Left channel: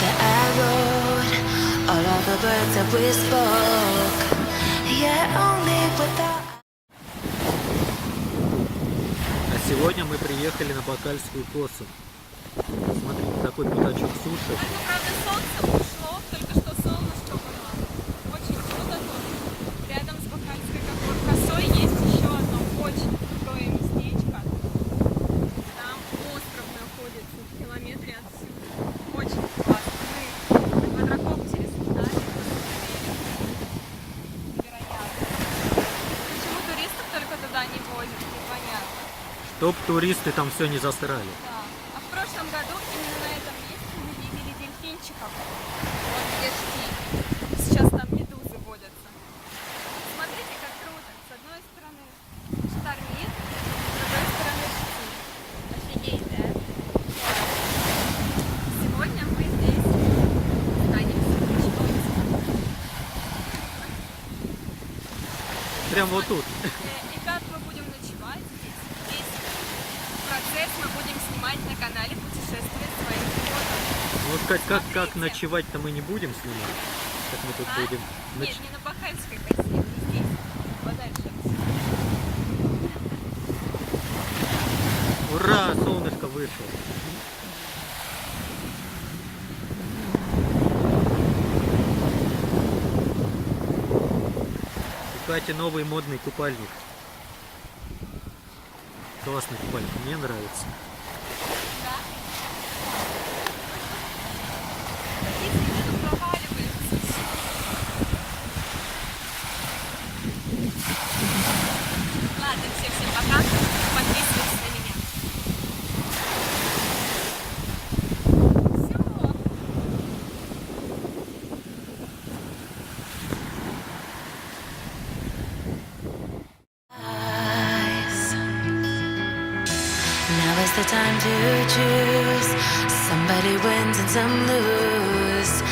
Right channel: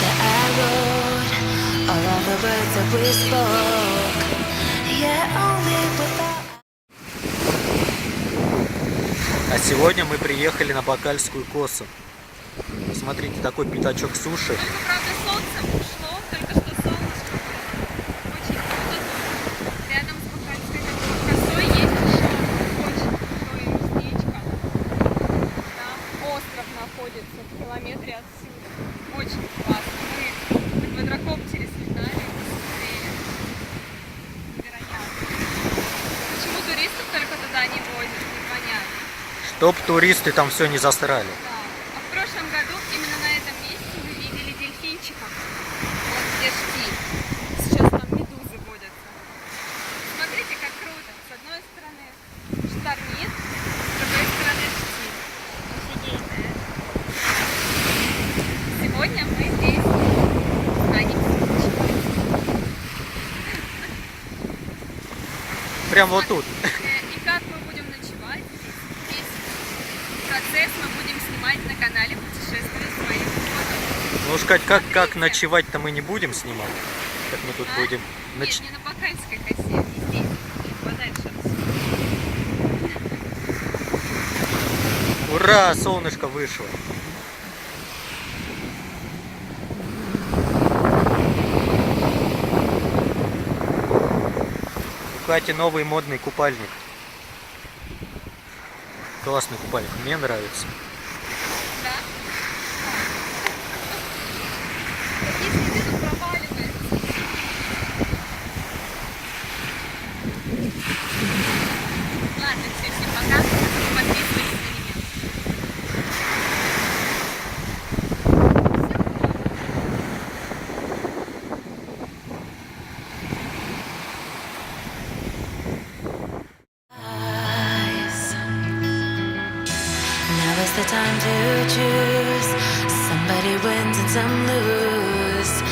that I wrote, or all the words that we spoke. Yeah, only without. А сегодня мы приехали на Бакальскую косу. Смотрите, такой пятачок суши. Только, правда, солнце ушло, только что солнышко было. Очень круто тут. Рядом с Бакальской такой косой есть еще одно очень крутое местечко. Там остров находится в километре отсюда. Очень классно. Мы на квадрокоптере слетали и посмотрели. Невероятно. Почему туристов только туда не возят, непонятно. Чтоб туристы там все не засрали. Да. А в прошлом году именно на этом месте мы видели дельфинчиков. Вот где штиль. Сейчас там медузы водятся. Смотрите, как круто. С одной стороны штормит, с другой стороны штиль. Офигенно. Сегодня мы здесь останемся ночевать. Прям вот тут. И как мы будем ночевать? Процесс мы будем снимать на канале «Путешествие своим фото». Ну уж как ночевать-то мы не будем снимать. Как мы тут будем Нет, не на Бакальской косе, здесь, подальше отсюда. Ура, солнышко вышло. У Кати новый модный купальник. Классный купальник, мне нравится. Да? Такие следы тут проваливаются. Ладно, всем пока. Подписывайтесь на меня. Now is the time to choose. Somebody wins and some lose.